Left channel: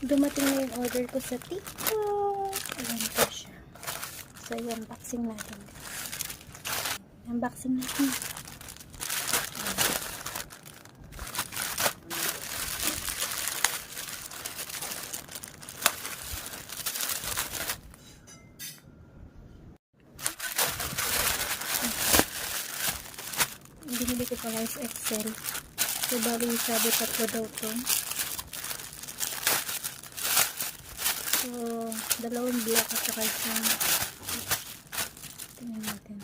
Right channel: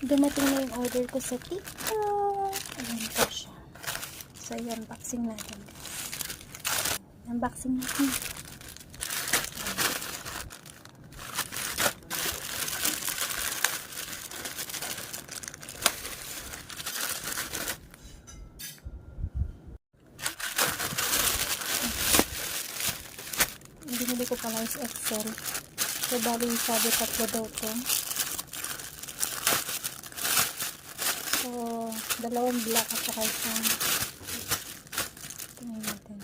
Dumating na yung order ko sa TikTok. Ayan po siya. So, ayan, unboxing natin. Unboxing natin. Binili ko pala is XL. So, bali sabi tatlo daw to. So, dalawang black at saka isang tingnan natin.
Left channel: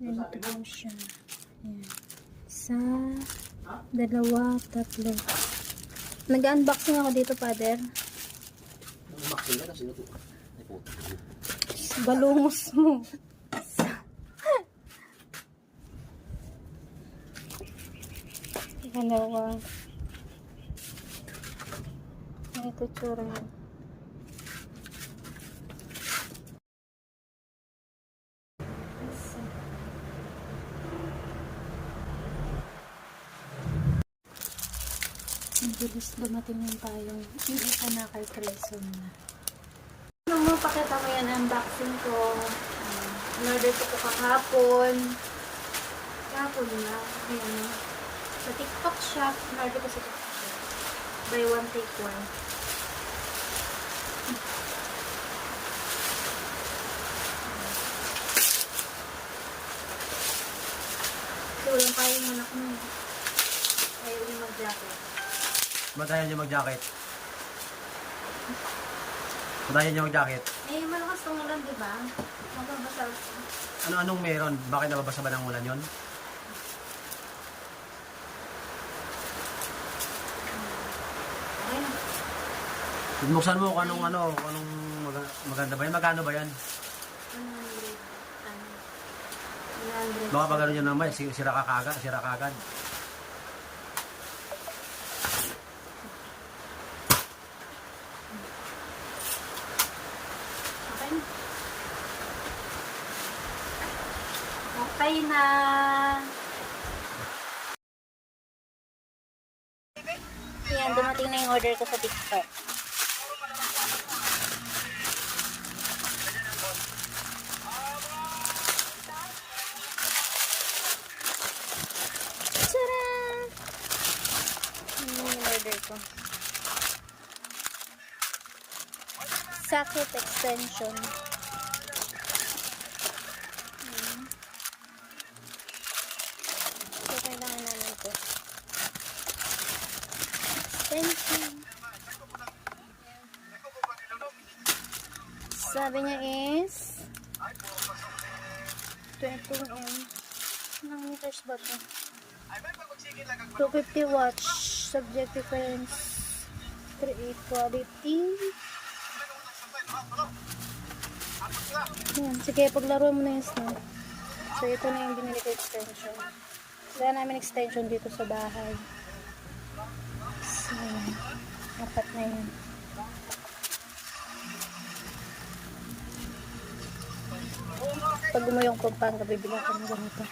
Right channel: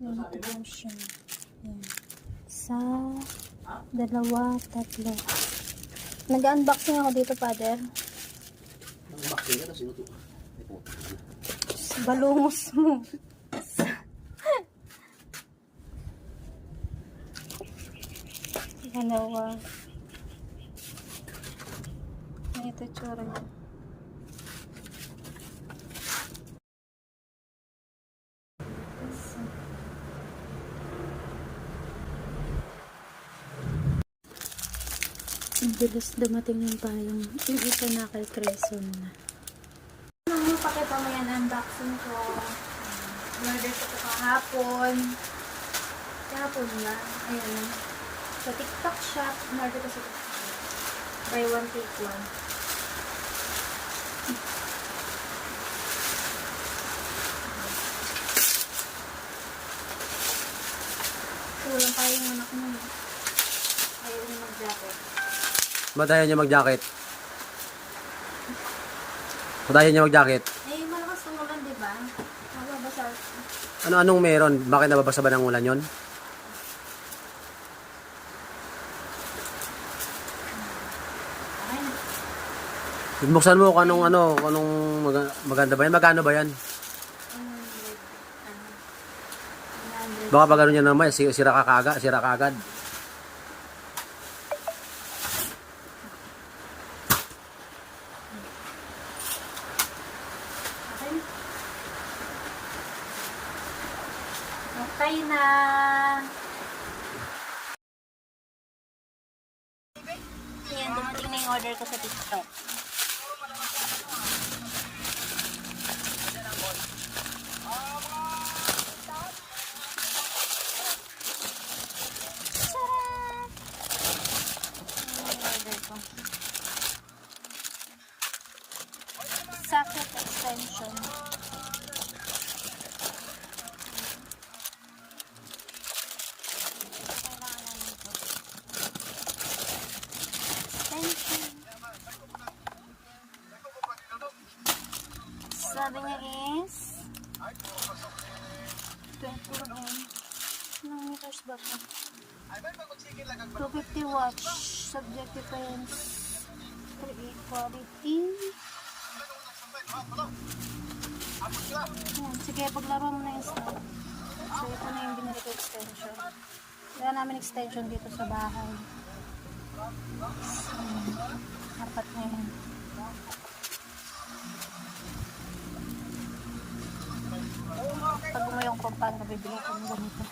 Ayan ito po siya. Ayan. Isa, dalawa, tatlo. Nag-unboxing ako dito, Father. Unboxing ka na, sinuto. Balungos mo. Dalawa. Ito tsura yun. Ang bilis dumating yung payong. Yung isa na kay Treso na. Ano mo, pakita mo yan unboxing ko. Order ko kahapon. Kahapon ba? Ayan. Sa TikTok shop. Order ko sa TikTok shop. Buy one, take one. Kulang pa yung anak mo. Ayaw niya mag-jacket. Madayan niya mag-jacket. Madayan niya mag-jacket. Eh, malakas ang ulan, di ba? Magbabasa. Anong meron? Bakit nababasa ba ng ulan yun? Buksan mo kung anong maganda ba yan? Magkano ba yan? Baka pag ano niya naman, sira ka agad. Okay na. Yan, dumating na yung order ko sa TikTok. Tcharam! Yan yung order ko. Socket extension. So, kailangan namin ito. Extension. Sabi niya is 20 ohm. Ilang meters ba ito? 250 watts. Subject difference 38 quality. Yan. Sige, paglaro mo na yung snow. So, ito na yung binili ko extension. Wala namin extension dito sa bahay. So, apat na yun. Pag gumuyong ko, parang bibili ako ng ganito.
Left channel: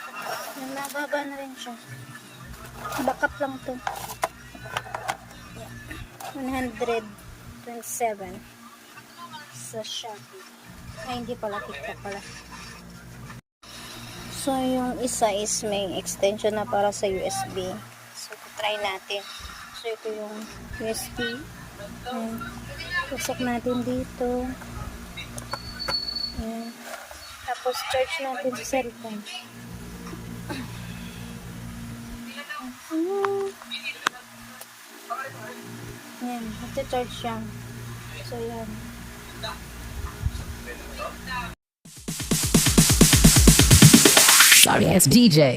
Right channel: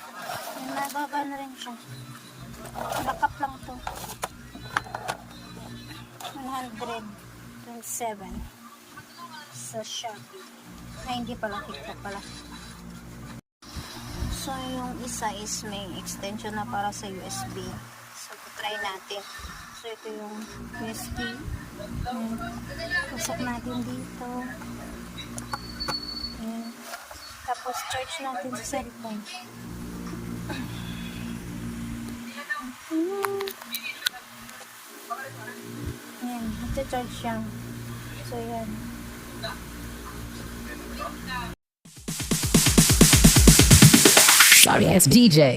Nababa na rin siya. Backup lang to. 127 sa Shopee. Ay, hindi pala. TikTok pala. So, yung isa is may extension na para sa USB. So, try natin. So, ito yung USB. Ayan. Pasok natin dito. Ayan. Tapos, charge natin sa cellphone. Ayan. Magcha-charge siya. So, yan. Sorry ass DJ.